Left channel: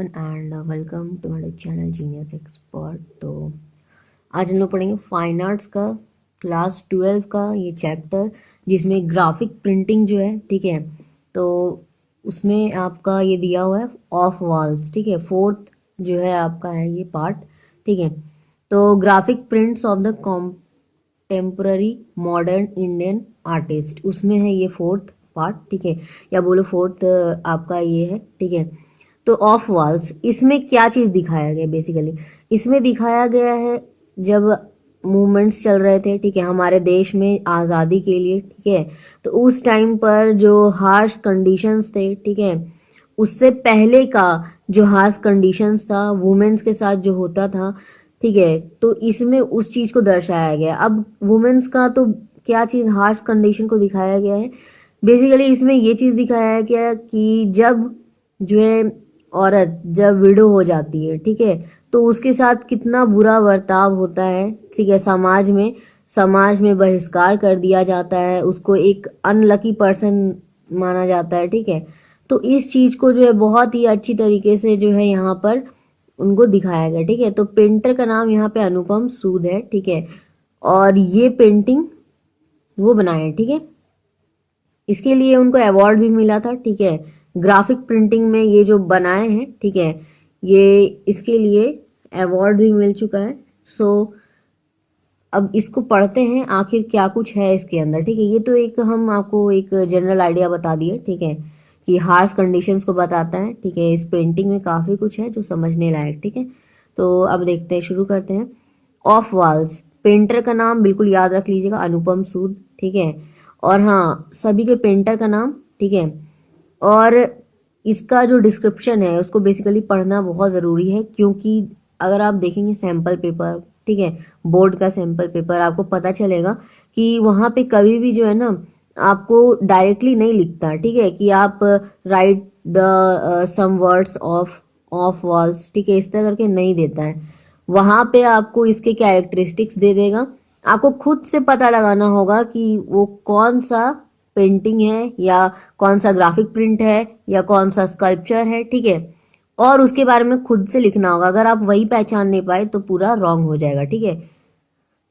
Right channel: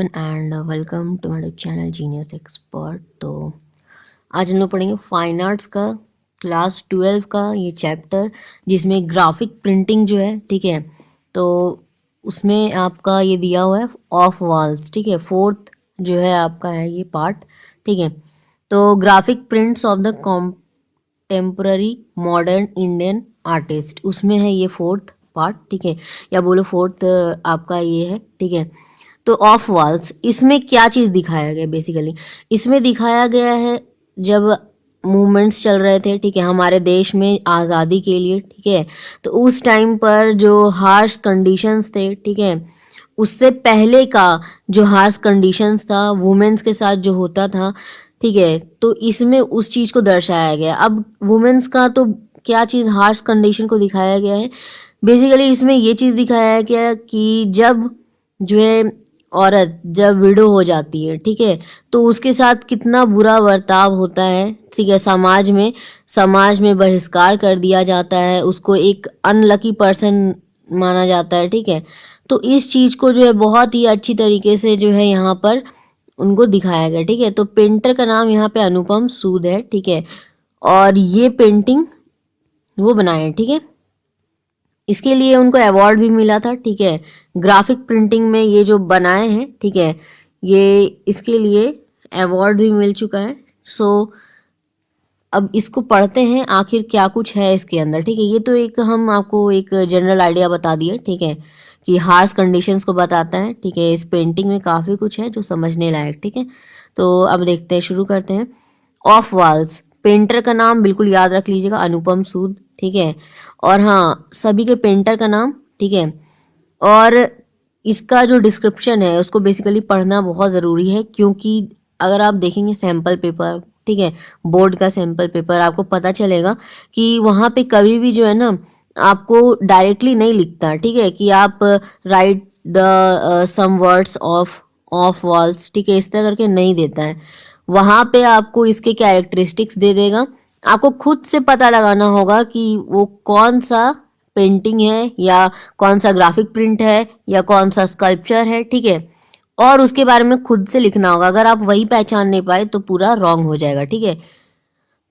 Everyone and welcome to my channel genius expert. तो आज हम लोग पढ़ेंगे फाइन आर्ट्स का क्लास 12 का ये चैप्टर, जिसमें ग्राफिक प्रिंटिंग जो है, ठीक है। तो उसमें आपका ये दिया हुआ है ऑफ वॉल्स, ठीक है। फोर्थ जो है आपका है ये पार्ट, ठीक है। तो graphic prints of the temporary modern Indian artist, उसमें है ये फोर्थ पार्ट, ठीक है। या बोलो फोर्थ आपका ये है, ठीक है। तो ऑफ वॉल्स, इसमें क्या चीज़ दिखाया गया बेसिकली, इसमें दिखाया गया है जब मूवमेंट्स चल रहे थे, ठीक है, हमारे देश में आज़ादी के लिए, ठीक है। तो उस टाइम पर जो हार्श कंडीशंस थे, ठीक है, उससे पहले का जो हार्श कंडीशंस था वुमेन्स के साथ जो होता था, ठीक है। तो इसमें उस चीज़ को दर्शाया गया। अब वुमेन्स का तो क्या चीज़ हार्श कंडीशन को दिखाया गया है बेसिकली, इसमें ये चीज़ दिखाया गया कि जब जो है औरत जब विडो हो जाती है, ठीक है, तो उसके साथ कितना बुरा बर्ताव होता है, ठीक है। समाज में बहिष्कार कर दिया जाता है, उसको एक अनलकी पर्सन माना जाता है, ठीक है। तो इस चीज़ को जो है बहुत ही अच्छी तरीके से जो है यहाँ पर उनको दिखाया गया, ठीक है। तो पेंटर का नाम यहाँ पे अनुपम सूद है, ठीक है। और ये पेंटिंग वो बनाए हैं, ठीक है। इसके लिए उनको अवार्ड भी मिला था, ठीक है। ग्राफिक प्रिंटिंग में ये जो बनाए हैं, ठीक है, ये इसके लिए अवार्ड भी मिल चुका है। सो अब इसको पढ़ते हैं आखिर क्या कुछ है इसके अंदर, ठीक है। ये तो एक हम आपको एक जनरल आइडिया बता दिए, ठीक है, कि हार्श कंडीशंस को बताता है, ठीक है। इस पेंटिंग में काफ़ी कुछ है जो समझने लायक, ठीक है। तो अब देखते हैं, शुरू करते हैं। ऑफ वॉल्स, पेंटर का नाम बिल्कुल याद रख लीजिएगा, अनुपम सूद, ठीक है। और हाँ, सभी के पेंटर का नाम, ठीक है। और इसका जो डिस्क्रिप्शन है उसको बेसिकली पढ़ना बहुत ज़रूरी है, क्योंकि अगर आप देखेंगे सैम्पल पेपर, ठीक है, बोर्ड का सैम्पल पेपर, आपको पता चलेगा कि वहाँ पे कभी भी जो है ना आपको डायरेक्टली नहीं लिखता, ठीक है, कि आप write the some words of walls, ठीक है, इस तरह करके नहीं देता है। वहाँ पे आपको इसके कैरेक्टरिस्टिक्स दे देगा, आपको खुद से पता लगाना होगा कि वो कौन सा पेंटिंग है, या कौन सा ग्राफिक प्रिंट है, या कौन सा स्कल्पचर है, ठीक है। और उसके बारे में खुद से लिखना होगा। अगर आप वही पहचान नहीं पाए तो पूरा रॉन्ग हो जाएगा, ठीक है।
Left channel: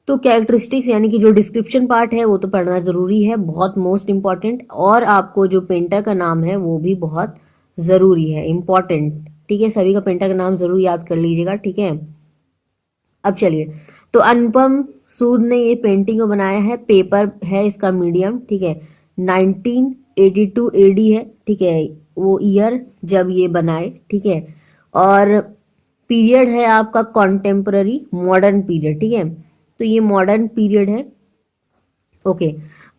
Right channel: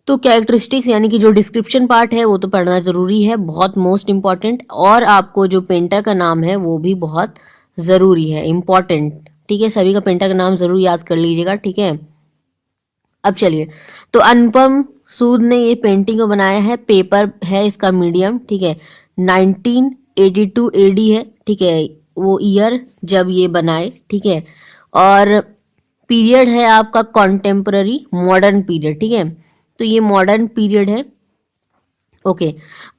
तो कैरेक्टरिस्टिक्स यानी कि जो डिस्क्रिप्शन पार्ट है वो तो पढ़ना ज़रूरी है, बहुत मोस्ट इम्पॉर्टेंट। और आपको जो पेंटर का नाम है वो भी बहुत ज़रूरी है, इम्पॉर्टेंट, ठीक है। सभी का पेंटर का नाम ज़रूर याद कर लीजिएगा, ठीक है। अब चलिए, तो अनुपम सूद ने ये पेंटिंग को बनाया है, पेपर है इसका मीडियम, ठीक है। 1982 एडी है, ठीक है, वो ईयर जब ये बनाए, ठीक है। और पीरियड है आपका कॉन्टेम्पररी मॉडर्न पीरियड, ठीक है। तो ये मॉडर्न पीरियड है, ओके।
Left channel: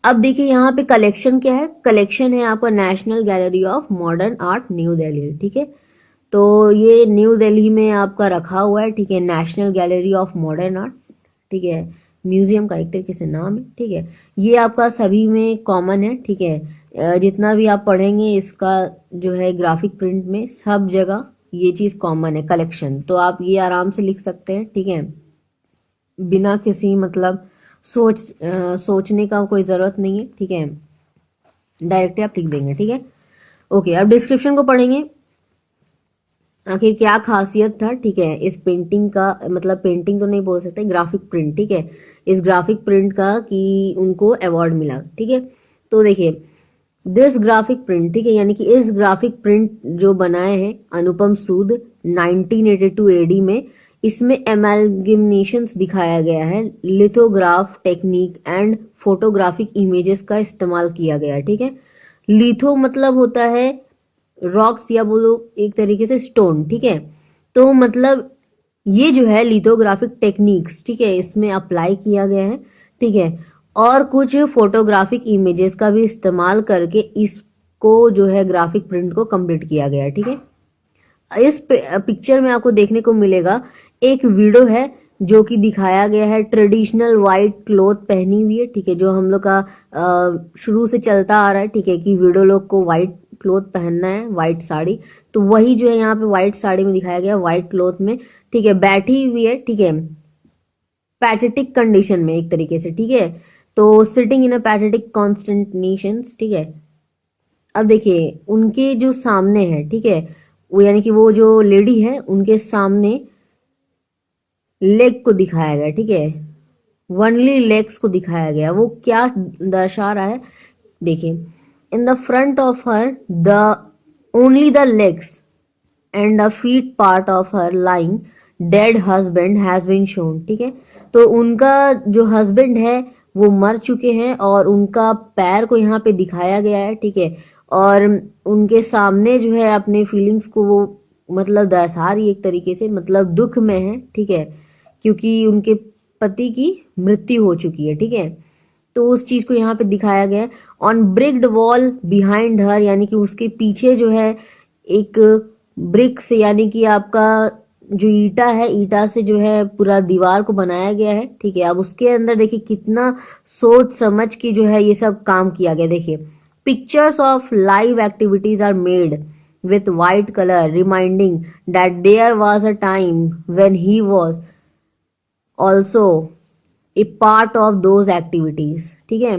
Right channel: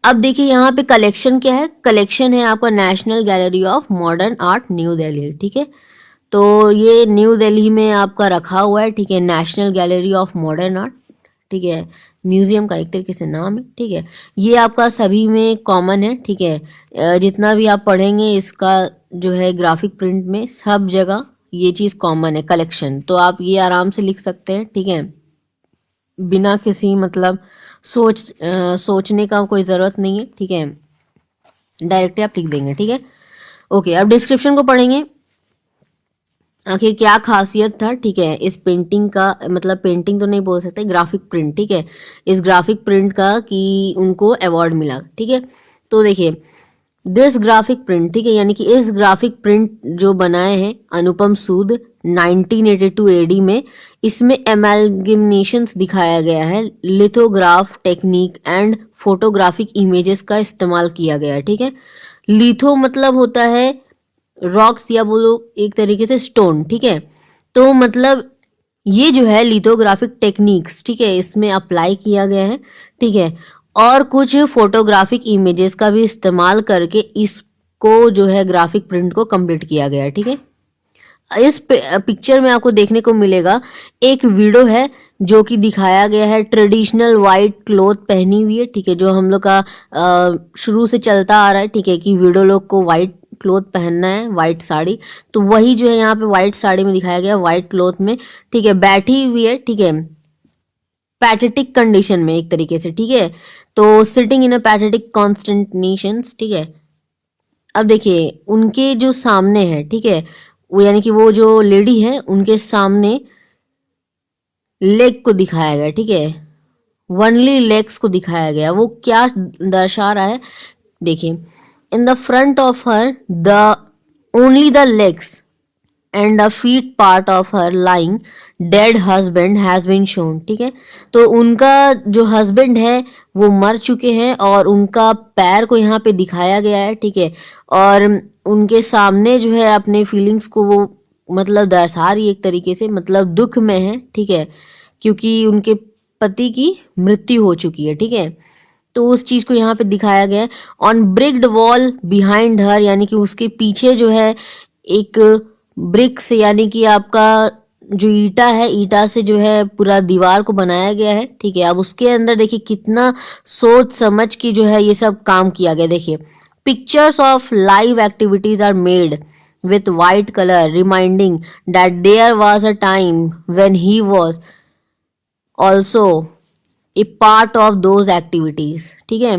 अब देखिए यहाँ पे कलेक्शन क्या है, कलेक्शन है आपका national gallery of modern art new Delhi, ठीक है। तो ये न्यू दिल्ली में आपका रखा हुआ है, ठीक है, national gallery of modern art, ठीक है। म्यूजियम का एक तरीके से नाम है, ठीक है। ये आपका सभी में कॉमन है, ठीक है। जितना भी आप पढ़ेंगे इसका जो है ग्राफिक प्रिंट में सब जगह ये चीज़ कॉमन है, कलेक्शन। तो आप ये आराम से लिख सकते हैं, ठीक है, बिना किसी मतलब सोचने का कोई ज़रूरत नहीं है, ठीक है। डायरेक्टली आप लिख देंगे, ठीक है। ओके, अब डिस्क्रिप्शन को पढ़ेंगे, आखिर क्या खासियत था, ठीक है, इस पेंटिंग का, मतलब पेंटिंग तो नहीं बोल सकते, ग्राफिक प्रिंट, ठीक है, इस ग्राफिक प्रिंट का कि उनको अवार्ड मिला, ठीक है। तो देखिए, दिस ग्राफिक प्रिंट, ठीक है, यानी कि इस ग्राफिक प्रिंट जो बनाए हैं अनुपम सूद 1982 एडी में, इसमें एमेलगेमेशंस दिखाया गया है, lithograph technique and photographic images का इस्तेमाल किया गया है, ठीक है। लिथो मतलब होता है रॉक्स, या बोलो एक तरीके से स्टोन, ठीक है। तो मतलब ये जो है लिथोग्राफिक टेक्निक्स, ठीक है, इसमें अप्लाई किया गया है, ठीक है। और कुछ फोटोग्राफिक इमेजेस का भी इस्तेमाल करके इसको जो है ग्राफिक प्रिंट को कंप्लीट किया गया है, ठीक है। इस पिक्चर में आपको देखने को मिलेगा एक विडो है जो कि दिखाया गया है ट्रेडिशनल वाइट क्लॉथ पहनी हुई है, ठीक है, जो हम लोग का शुरू से चलता आ रहा है, ठीक है, कि विडो लोग को वाइट क्लॉथ पहनना है, वाइट साड़ी। तो वही जो है यहाँ पे वाइट साड़ी में दिखाया गया, वाइट क्लॉथ में, ठीक है, बैठी हुई है, ठीक है, पैथेटिक कंडीशन में एक तरीके से, ठीक है। तो सिटिंग इन अ पैथेटिक कॉन्स्टेंटेशंस, ठीक है। अब देखिए उनके जो सामने है, ठीक है, वो यानी कि वो जो लेडी है उनके सामने लेग को दिखाया गया, ठीक है, वनली लेग्स को दिखाया गया। वो क्या दर्शा रहा है, देखिए, in the front of her the only the legs and the feet part of her lying dead husband has been shown, ठीक है। तो उनका जो हस्बैंड है वो मर चुके हैं और उनका पैर को यहाँ पे दिखाया गया है, ठीक है। और उनके सामने जो है अपने फीलिंग्स को वो मतलब दर्शा रही है एक तरीके से, मतलब दुख में है, ठीक है, क्योंकि उनके पति की मृत्यु हो चुकी है, ठीक है। तो उस चीज को यहाँ पे दिखाया गया है। On bricked wall behind her, यानी कि उसके पीछे जो है एक ब्रिक्स यानी कि आपका जो ईटा है, ईटा से जो है पूरा दीवार को बनाया गया है, ठीक है। अब उसके अंदर देखिए कितना सोच समझ के जो है ये सब काम किया गया। देखिए, pictures of live activities are made with white color reminding that there was a time when he was also a part of those activities, ठीक है।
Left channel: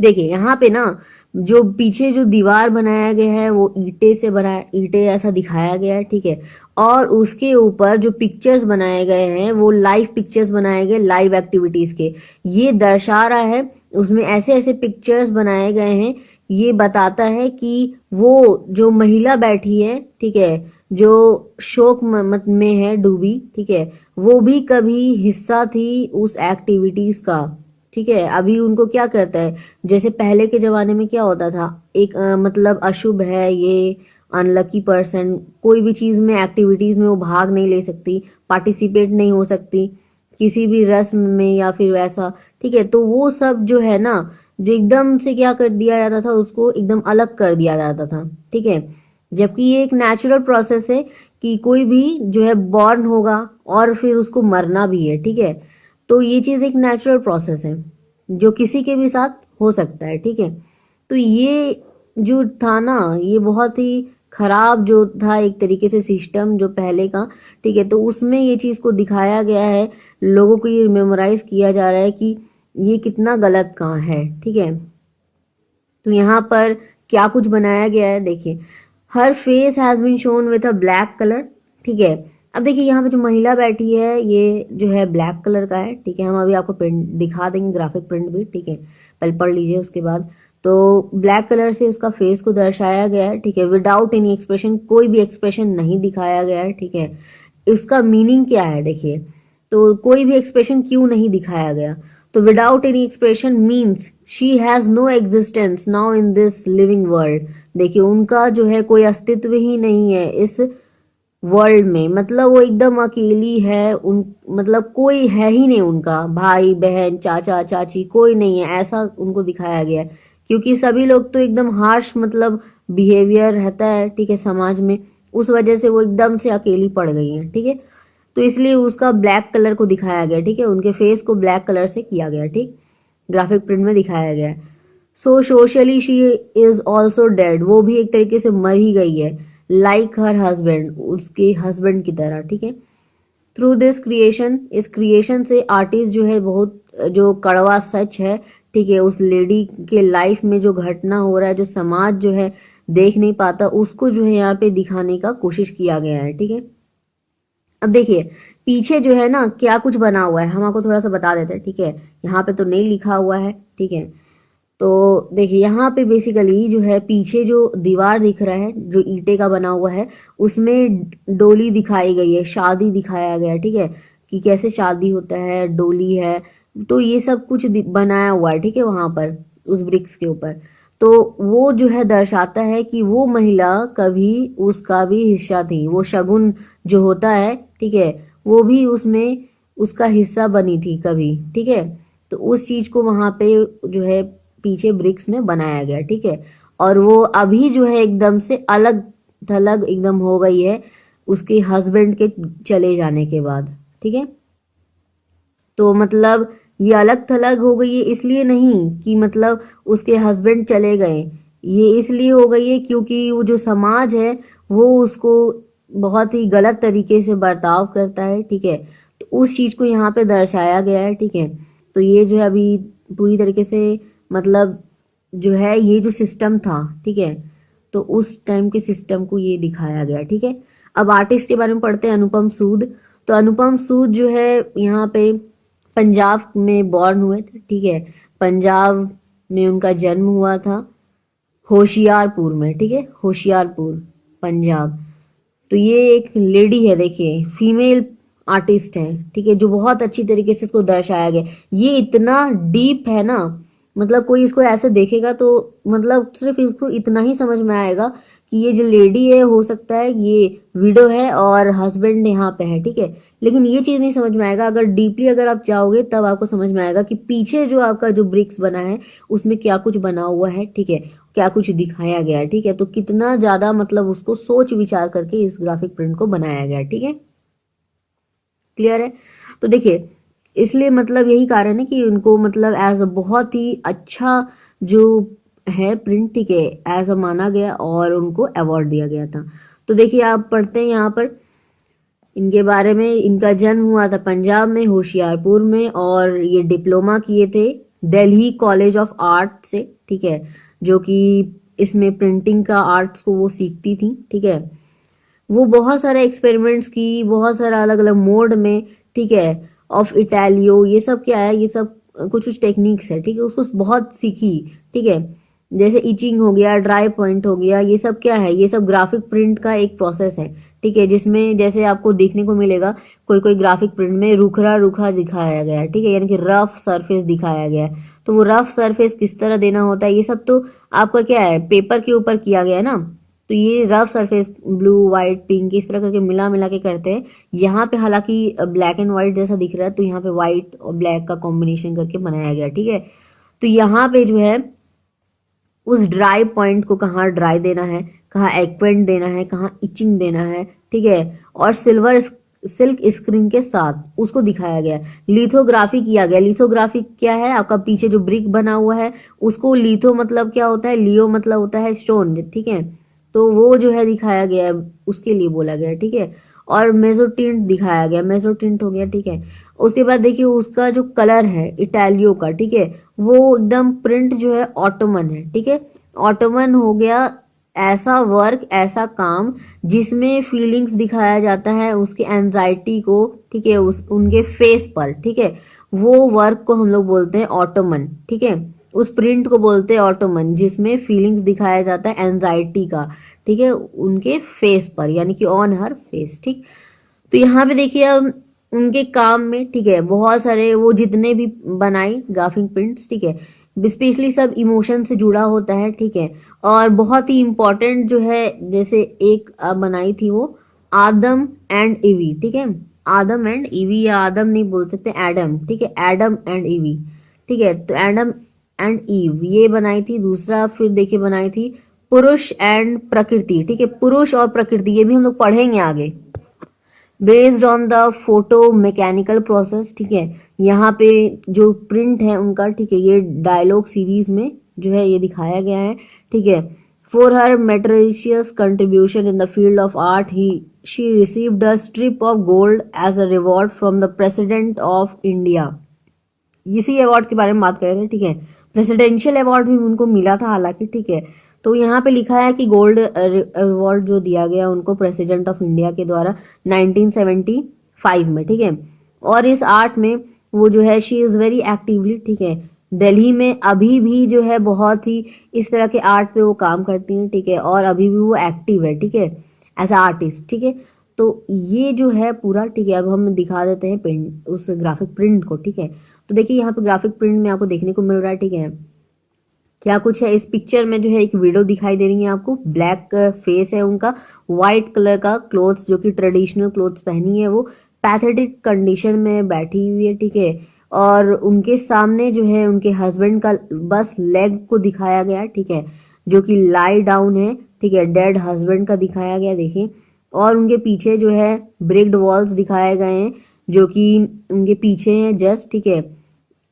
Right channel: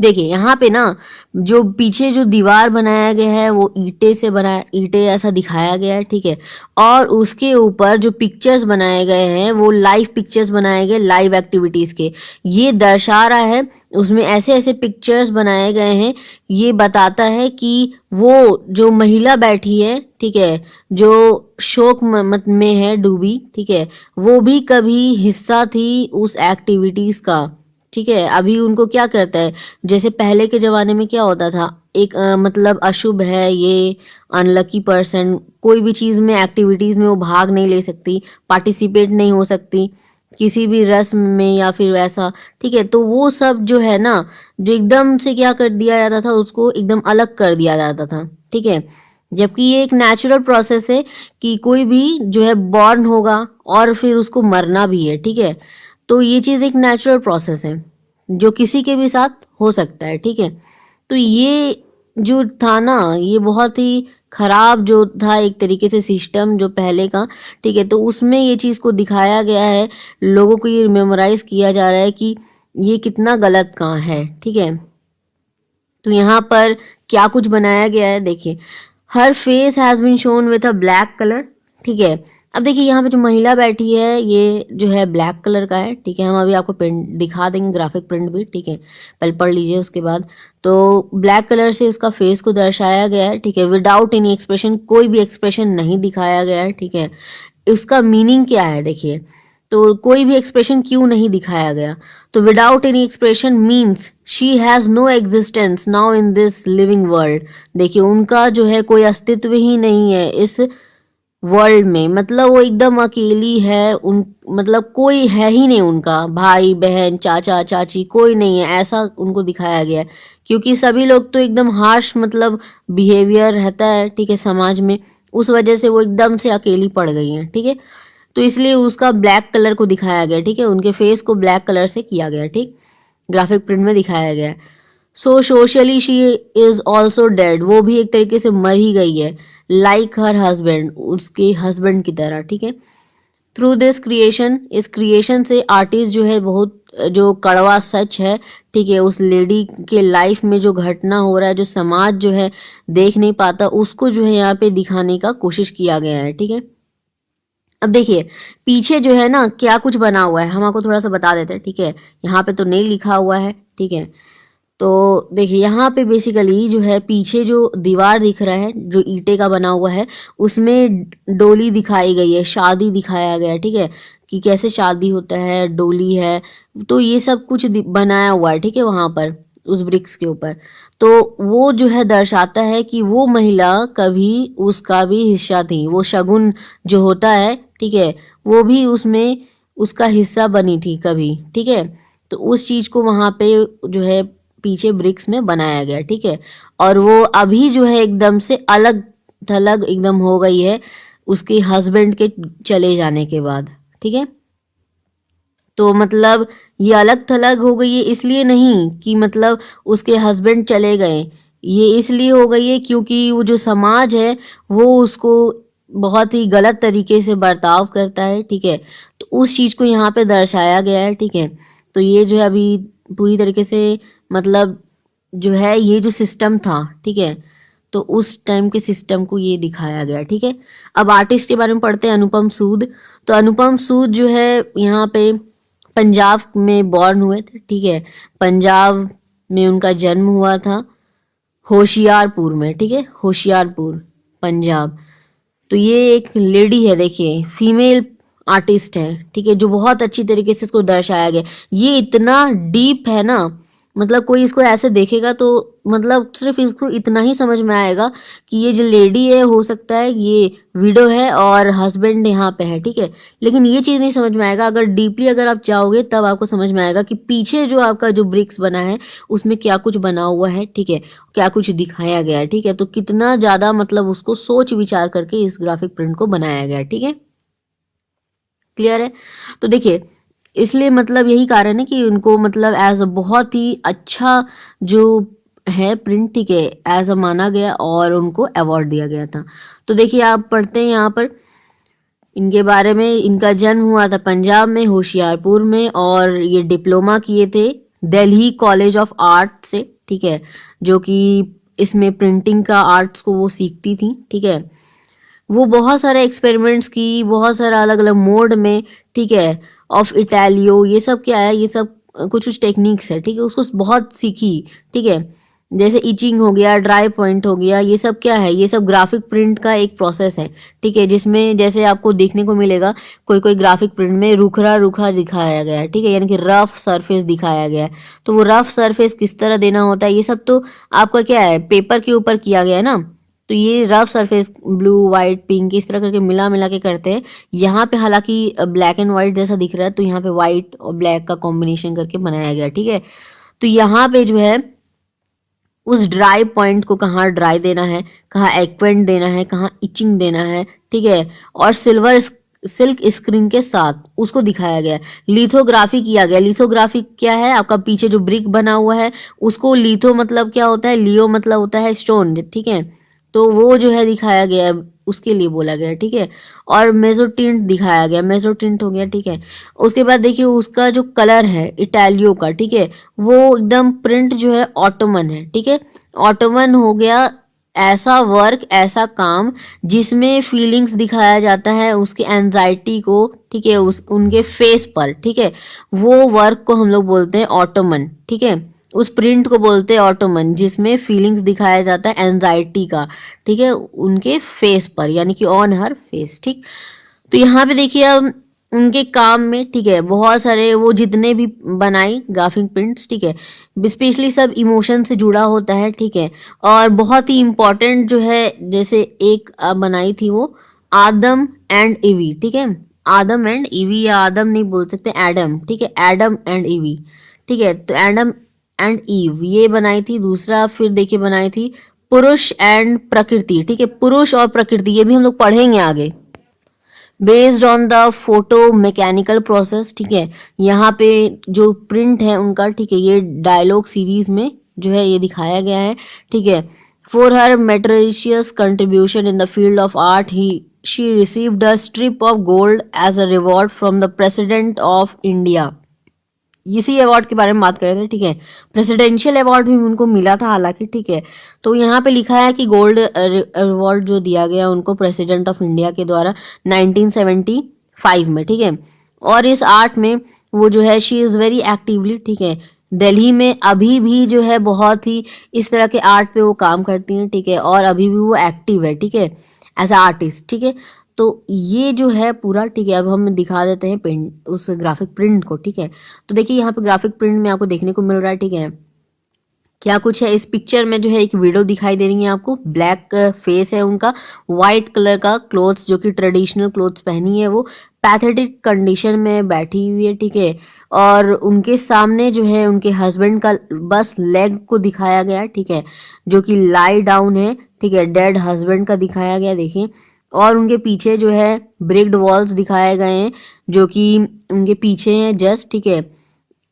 देखिए यहाँ पे ना जो पीछे जो दीवार बनाया गया है वो ईंटे से बना, ईंटे ऐसा दिखाया गया है, ठीक है। और उसके ऊपर जो पिक्चर्स बनाए गए हैं वो लाइव पिक्चर्स बनाए गए लाइव एक्टिविटीज के, ये दर्शा रहा है उसमें ऐसे ऐसे पिक्चर्स बनाए गए हैं। ये बताता है कि वो जो महिला बैठी है, ठीक है, जो शोक मत में है डूबी, ठीक है, वो भी कभी हिस्सा थी उस एक्टिविटीज का, ठीक है। अभी उनको क्या करता है, जैसे पहले के ज़माने में क्या होता था, एक मतलब अशुभ है ये, अनलकी पर्सन, कोई भी चीज़ में एक्टिविटीज़ में वो भाग नहीं ले सकती, पार्टिसिपेट नहीं हो सकती किसी भी रस्म में या फिर वैसा, ठीक है। तो वो सब जो है ना, जो एकदम से क्या कर दिया जाता था, उसको एकदम अलग कर दिया जाता था, ठीक है। जबकि ये एक नेचुरल प्रोसेस है कि कोई भी जो है बॉर्न होगा और फिर उसको मरना भी है, ठीक है। तो ये चीज़ एक नेचुरल प्रोसेस है जो किसी के भी साथ हो सकता है, ठीक है। तो ये जो था ना, ये बहुत ही खराब जो था एक तरीके से सिस्टम जो पहले का, ठीक है। तो उसमें ये चीज़ को दिखाया गया है, लोगों को ये मेमोराइज किया जा रहा है कि ये कितना गलत कहाँ है, ठीक है। तो यहाँ पर क्या कुछ बनाया गया है, देखिए, हर face has been shown with a black colour, ठीक है। अब देखिए यहाँ पे जो महिला बैठी है ये जो है ब्लैक कलर का है, ठीक है। हम अभी आपको प्रिंट दिखा देंगे, ग्राफिक प्रिंट भी, ठीक है, पहले पढ़ लीजिए उसके बाद। तो ब्लैक कलर से उसका फेस को दर्शाया गया है, ठीक है, विदाउट एनी एक्सप्रेशन, कोई भी एक्सप्रेशन नहीं दिखाया गया है, ठीक है। उसका मीनिंग क्या है, देखिए, तो कोई भी एक्सप्रेशन क्यों नहीं दिखाया गया, तो without any expression means she has no existence now in this living world. देखिए उनका जो है कोई अस्तित्व ही नहीं है इस वर्ल्ड में, मतलब वो एकदम अकेली है, उन मतलब कोई है ही नहीं, उनका भाई बहन चाचा चाची कोई नहीं है, ऐसा उनको दिखाया गया है। क्योंकि सभी लोग तो एकदम हार्श मतलब बिहेवियर रहता है, ठीक है, समाज में, उस वजह से वो एकदम से अकेली पड़ गई हैं, ठीक है। तो इसलिए उसका ब्लैक कलर को दिखाया गया, ठीक है, उनके फेस को ब्लैक कलर से किया गया, ठीक, ग्राफिक प्रिंट में दिखाया गया। So socially she is also dead, वो भी एक तरीके से मर ही गई है, लाइक हर हस्बैंड, उसके हस्बैंड की तरह, ठीक है। थ्रू दिस क्रिएशन, इस क्रिएशन से आर्टिस्ट जो है बहुत जो कड़वा सच है, ठीक है, उस लेडी के लाइफ में जो घटना हो रहा है, जो समाज जो है देख नहीं पाता, उसको जो है यहाँ पे दिखाने का कोशिश किया गया है, ठीक है। अब देखिए पीछे जो है ना क्या कुछ बना हुआ है, हम आपको थोड़ा सा बता देते हैं, ठीक है। यहाँ पे तो नहीं लिखा हुआ है, ठीक है। तो देखिए यहाँ पे बेसिकली जो है पीछे जो दीवार दिख रहा है जो ईंटे का बना हुआ है, उसमें डोली दिखाई गई है, शादी दिखाया गया है, ठीक है, कि कैसे शादी होता है, डोली है, तो ये सब कुछ बनाया हुआ है, ठीक है, वहाँ पर उस ब्रिक्स के ऊपर। तो वो जो है दर्शाता है कि वो महिला कभी उसका भी हिस्सा थी, वो शगुन जो होता है, ठीक है, वो भी उसमें उसका हिस्सा बनी थी कभी, ठीक है। तो उस चीज को वहां पे जो है पीछे ब्रिक्स में बनाया गया, ठीक है। और वो अभी जो है एकदम से अलग थलग एकदम हो गई है उसके हस्बैंड के चले जाने के बाद, ठीक है। तो मतलब ये अलग थलग हो गई है इसलिए नहीं कि मतलब उसके हस्बैंड चले गए, ये इसलिए हो गई है क्योंकि वो जो समाज है वो उसको बहुत ही गलत तरीके से बर्ताव करता है, ठीक है। तो उस चीज को यहाँ पे दर्शाया गया है, ठीक है। तो ये जो है अभी पूरी तरीके से मतलब जो है ये जो सिस्टम था, ठीक है, तो उस टाइम के सिस्टम को ये दिखाया गया, ठीक है। अब आर्टिस्ट के बारे में पढ़ते हैं, अनुपम सूद। तो अनुपम सूद जो है यहाँ पे पंजाब में बॉर्न हुए थे, ठीक है। पंजाब में उनका जन्म हुआ था, होशियारपुर में, ठीक है, होशियारपुर, पंजाब। तो ये एक लेडी है, देखिए फीमेल आर्टिस्ट है, ठीक है, जो बहुत अच्छी तरीके से इसको दर्शाया गया। ये इतना डीप है ना, मतलब कोई इसको ऐसे देखेगा तो मतलब सिर्फ इसको इतना ही समझ में आएगा कि ये जो लेडी है हो सकता है ये विडो है और हस्बैंड यहाँ पे है, ठीक है। लेकिन ये चीज़ नहीं समझ में आएगा, अगर डीपली अगर आप जाओगे तब आपको समझ में आएगा कि पीछे जो आपका जो ब्रिक्स बना है उसमें क्या कुछ बना हुआ है, ठीक है, क्या कुछ दिखाया गया है, ठीक है। तो कितना ज़्यादा मतलब उसको सोच विचार करके इस ग्राफिक प्रिंट को बनाया गया है, ठीक है, क्लियर है। तो देखिए इसलिए मतलब यही कारण है कि उनको मतलब एज अ बहुत ही अच्छा जो है प्रिंट, ठीक है, एज अ माना गया और उनको अवार्ड दिया गया था। तो देखिए आप पढ़ते हैं यहाँ पर इनके बारे में। इनका जन्म हुआ था पंजाब में, होशियारपुर में, और ये डिप्लोमा किए थे दिल्ली कॉलेज ऑफ आर्ट से, ठीक है, जो कि इसमें प्रिंटिंग का आर्ट्स को वो सीखती थी, ठीक है। वो बहुत सारे एक्सपेरिमेंट्स की, बहुत सारा अलग अलग मोड में, ठीक है, ऑफ इटालियो, ये सब क्या है, ये सब कुछ कुछ टेक्निक्स है, ठीक है, उसको बहुत सीखी, ठीक है। जैसे इचिंग हो गया, ड्राई पॉइंट हो गया, ये सब क्या है, ये सब ग्राफिक प्रिंट का एक प्रोसेस है, ठीक है, जिसमें जैसे आपको देखने को मिलेगा कोई कोई ग्राफिक प्रिंट में रुखरा रुखा दिखाया गया है, ठीक है, यानी कि रफ सरफेस दिखाया गया है। तो वो रफ सरफेस किस तरह देना होता है, ये सब तो आपका क्या है, पेपर के ऊपर किया गया है ना। तो ये rough surface blue white pink इस तरह करके मिला मिला के करते हैं। यहाँ पे हालांकि ब्लैक एंड वाइट जैसा दिख रहा है, तो यहाँ पे वाइट और ब्लैक का कॉम्बिनेशन करके बनाया गया, ठीक है। तो यहाँ पे जो है उस ड्राई पॉइंट को कहाँ ड्राई देना है, कहाँ एक्वेंट देना है, कहाँ इचिंग देना है, ठीक है, और सिल्वर सिल्क स्क्रीन के साथ उसको दिखाया गया। लिथोग्राफी किया गया। लिथोग्राफी क्या है, आपका पीछे जो ब्रिक बना हुआ है उसको लिथो मतलब क्या होता है, लियो मतलब होता है स्टोन, ठीक है। तो वो जो है दिखाया गया, उसके लिए बोला गया, ठीक है। और मेजोटिंट दिखाया गया, मेजोटिंट हो गया, ठीक है। उसके बाद देखिए उसका जो कलर है इटालियो का, ठीक है, वो एकदम प्रिंट जो है ऑटोमन है, ठीक है। ऑटोमन हो गया ऐसा वर्क, ऐसा काम जिसमें फीलिंग्स दिखाया जाता है उसके एंजाइटी को, ठीक है, उस उनके फेस पर, ठीक है। वो वर्क को हम लोग बोलते हैं ऑटोमन, ठीक है। उस प्रिंट को बोलते हैं ऑटोमन, जिसमें फीलिंग्स दिखाया जाता है एंजाइटी का, ठीक है, उनके फेस पर, यानी कि ऑन हर फेस, ठीक। तो यहाँ पे देखिए अब उनके काम में, ठीक है, बहुत सारे वो जितने भी बनाई ग्राफिक प्रिंट्स, ठीक है, स्पेशली सब इमोशन से जुड़ा होता है, ठीक है। और बहुत ही इम्पोर्टेंट जो है, जैसे एक बनाई थी वो आदम एंड ईवी, ठीक है, आदम एंड ईवी, या आदम नहीं बोल सकते, एडम, ठीक है, एडम एंड ईवी, ठीक है। तो एडम एंड ईव ये बनाई थी। दूसरा फिर देखिए बनाई थी पुरुष एंड प्रकृति, ठीक है, पुरुष और प्रकृति, ये भी हम लोग पढ़ेंगे आगे, based on the photo mechanical process, ठीक है। यहाँ पे जो प्रिंट है उनका, ठीक है, ये डायलॉग सीरीज में जो है ये दिखाया गया है, ठीक है। For her meritorious contribution in the field of art he she received a strip of gold as a reward from the president of India. इसी अवार्ड के बारे में बात कर रहे थे, ठीक है। प्रेसिडेंशियल अवार्ड भी उनको मिला था हालांकि, ठीक है। तो यहाँ पे लिखा है कि गोल्ड अवार्ड जो दिया गया उनको प्रेसिडेंट ऑफ इंडिया के द्वारा 1975 में, ठीक है। और इस आर्ट में वो जो है शी इज़ वेरी एक्टिवली, ठीक है, दिल्ली में अभी भी जो है बहुत ही इस तरह के आर्ट पे वो काम करती हैं, ठीक है, और अभी भी वो एक्टिव है, ठीक है, एज अ आर्टिस्ट, ठीक है। तो ये जो है पूरा, ठीक है, अब हम दिखा देते हैं पेंट उस ग्राफिक प्रिंट को, ठीक है। तो देखिए यहाँ पे ग्राफिक प्रिंट में आपको देखने को मिल रहा है, ठीक है, क्या कुछ है। इस पिक्चर में जो है एक विडो दिखाई दे रही है आपको, ब्लैक फेस है उनका, वाइट कलर का क्लोथ्स जो कि ट्रेडिशनल क्लोथ्स पहनी है, वो पैथेटिक कंडीशन में बैठी हुई है, ठीक है। और उनके सामने जो है उनके हस्बैंड का बस लेग को दिखाया गया है, ठीक है, जो कि लाई डाउन है, ठीक है, डेड हस्बैंड का दिखाया गया, देखिए। और उनके पीछे जो है ब्रिक्ड वॉल्स दिखाए गए हैं, जो कि उनके पीछे हैं जस्ट, ठीक है,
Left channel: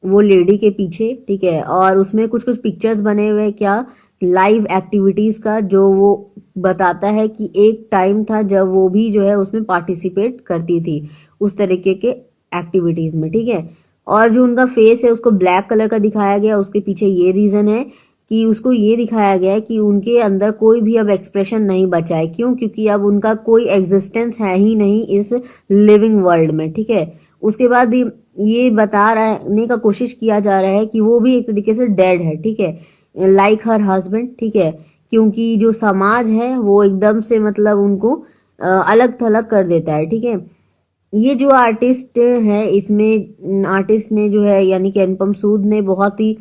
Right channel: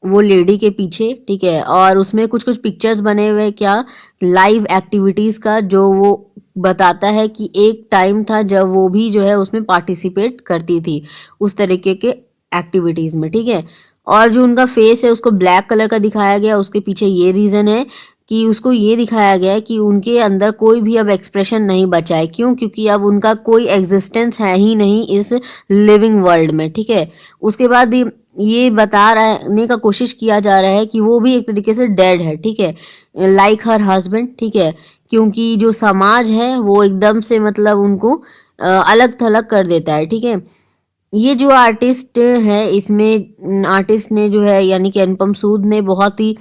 वो लेडी के पीछे, ठीक है। और उसमें कुछ कुछ पिक्चर्स बने हुए, क्या लाइव एक्टिविटीज का, जो वो बताता है कि एक टाइम था जब वो भी जो है उसमें पार्टिसिपेट करती थी उस तरीके के एक्टिविटीज में, ठीक है। और जो उनका फेस है उसको ब्लैक कलर का दिखाया गया, उसके पीछे ये रीजन है कि उसको ये दिखाया गया है कि उनके अंदर कोई भी अब एक्सप्रेशन नहीं बचा है। क्यों? क्योंकि अब उनका कोई एग्जिस्टेंस है ही नहीं इस लिविंग वर्ल्ड में, ठीक है। उसके बाद ये बता रहने का कोशिश किया जा रहा है कि वो भी एक तरीके से डेड है, ठीक है, लाइक हर हस्बैंड, ठीक है। क्योंकि जो समाज है वो एकदम से मतलब उनको अलग थलग कर देता है, ठीक है। ये जो आर्टिस्ट है, इसमें आर्टिस्ट ने जो है यानी कि अनुपम सूद ने बहुत ही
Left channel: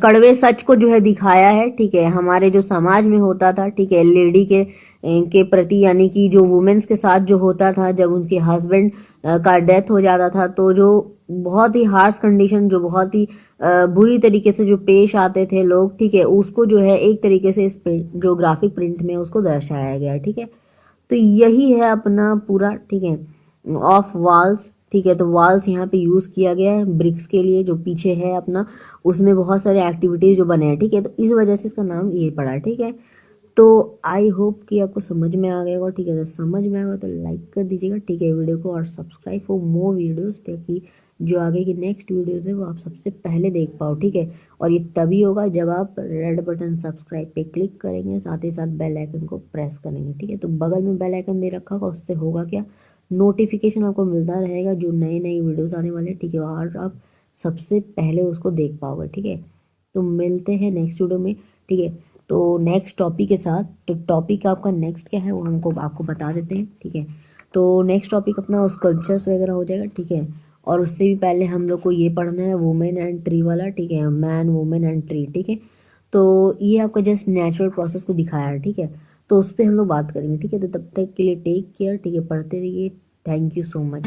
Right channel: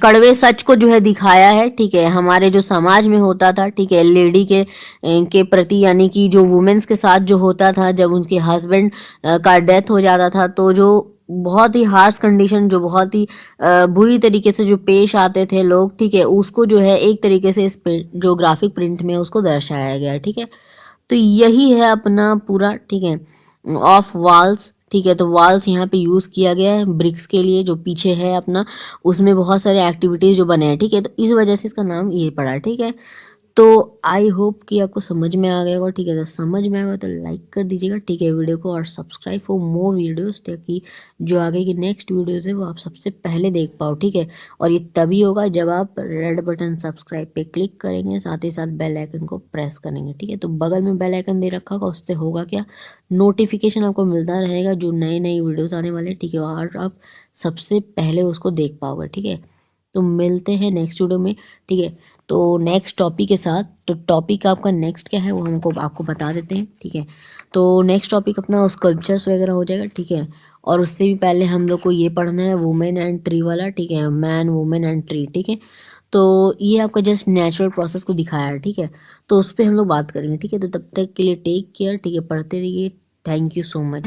कड़वे सच को जो है दिखाया है, ठीक है। हमारे जो समाज में होता था, ठीक है, लेडी के प्रति यानी कि जो वुमेन्स के साथ जो होता था जब उनके हस्बैंड का डेथ हो जाता था, तो जो बहुत ही हार्श कंडीशन, जो बहुत ही बुरी तरीके से जो पेश आते थे लोग, ठीक है, उसको जो है एक तरीके से इस जो ग्राफिक प्रिंट में उसको दर्शाया गया है, ठीक है। तो यही है अपना पूरा, ठीक है, ऑफ वॉल्स, ठीक है। तो वॉल्स यहाँ पे यूज़ किया गया है ब्रिक्स के लिए, जो पीछे है अपना, उसमें बहुत सारे एक्टिविटीज़ जो बने हैं, ठीक है। तो इस वजह से इसका नाम ये पड़ा, ठीक है। तो आई होप कि आपको समझ में आ गया होगा, ठीक है। तो समझ में आएगा तो लाइक कर दीजिएगा, ठीक है, वीडियो को, और सब्सक्राइब फॉर मोर वीडियोस, ताकि जो आगे की नेक्स्ट वीडियोस है वो आप सबसे पहले देख पाओ, ठीक है। और ये तभी होगा जब आप रेड बटन सब्सक्राइब पे क्लिक करेंगे, साथ ही साथ बेल आइकन को प्रेस करेंगे, ठीक है। तो बगल में बेल आइकन दे रखा होगा, उससे होगा क्या, नोटिफिकेशन आपको मिलता रहेगा जो नई नई वीडियोस आने वाले, ठीक है, और आप सबसे पहले उसको देख पाओगे, ठीक है। तो मिलते हैं नेक्स्ट वीडियो में, ठीक है। तो नेक्स्ट टॉपिक के साथ, तो टॉपिक आपका नेक्स्ट क्या है वो हमको आपको बता देते हैं, ठीक है। तो नेक्स्ट टॉपिक अपना स्कल्पचर्स वगैरह हो जाएगा, ठीक है। और उससे भी पहले हम लोग को ये पढ़ना है वुमेन एंड ट्री वाला, ठीक है, मैन वुमेन एंड ट्री, ठीक है। तो ये आपका जस्ट नेचुरल प्रोसेस को दिखाया है, ठीक है। तो उस पर हम लोग बात करेंगे, ठीक है। तो तब तक के लिए टेक केयर, ठीक है, पढ़ते रहिए। Thank you so much.